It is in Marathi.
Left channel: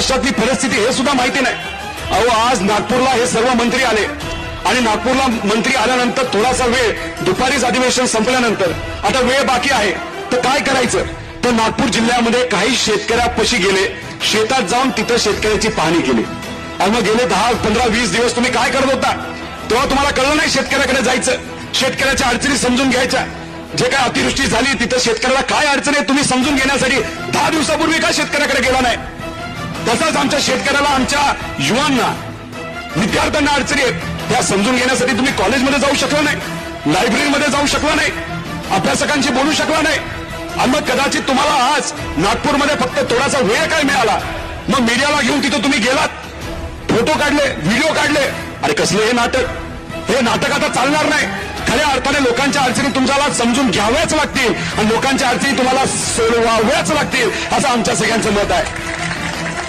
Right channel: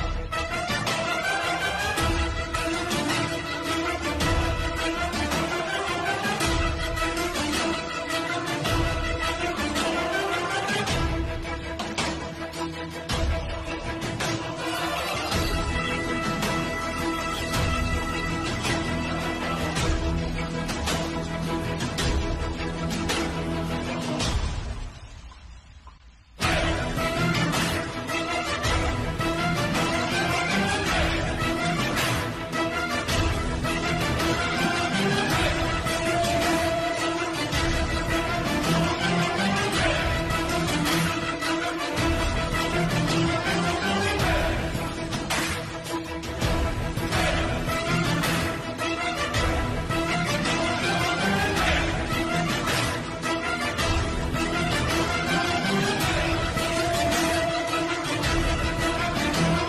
महाराष्ट्रातली परिस्थिती हे सुद्धा माहिती नाही। अहो, आज नागपूरला हे सर्व मंत्री आले आणि नागपूरला मंत्री आल्यानंतर थोडासा वेळ, दुपारीच अधिवेशन संपल्यानंतर आता वेळ बाकी आहे, तर काय करायचं? तर नागपूर जिल्ह्यामध्ये काही शेतकऱ्यापाशी गेले, शेतात जाऊन तिथं शेतकऱ्याची पाहणी केली। आणि मग गेले 10, 15, 20 दिवस तुम्ही काय करत होता? तेव्हा तुम्हाला कळलं नाही शेतकऱ्याकडे जायचं, शेतकऱ्याच्या अडचणी समजून घ्यायच्या। जे काय अतिवृष्टी झाली तिथं शेतकऱ्याला काय अडचण आहे तुम्ही समजून घेण्यासाठी 10 दिवसापूर्वी का शेतकऱ्याकडे गेला नाही? तसंच आमच्या शेतकऱ्याला, आमच्या युवांना, विद्यार्थ्यांना अडचणी आहेत, त्या समजून घेण्यासाठी तुम्ही कॉलेजमध्ये जाऊ शकला नाही, लायब्ररीमध्ये जाऊ शकला नाही, अभ्यासकांशी बोलू शकला नाही। आणि मग कदाचित तुम्हाला आज नागपूरमध्ये फक्त थोडासा वेळ काय मिळाला, मग मीडियाला घेऊन तिथं तुम्ही गेलात, फोटो काढले, व्हिडिओ काढले। अरे कसले हे नाटक? हे नाटक आता चालणार नाही। खऱ्या अर्थाने लोकांच्या अडचणी तुम्हाला समजून घ्याव्याच लागतील आणि लोकांच्या अडचणी तुम्हाला सोडवाव्याच लागतील, असं आमच्या सगळ्यांचं मत आहे।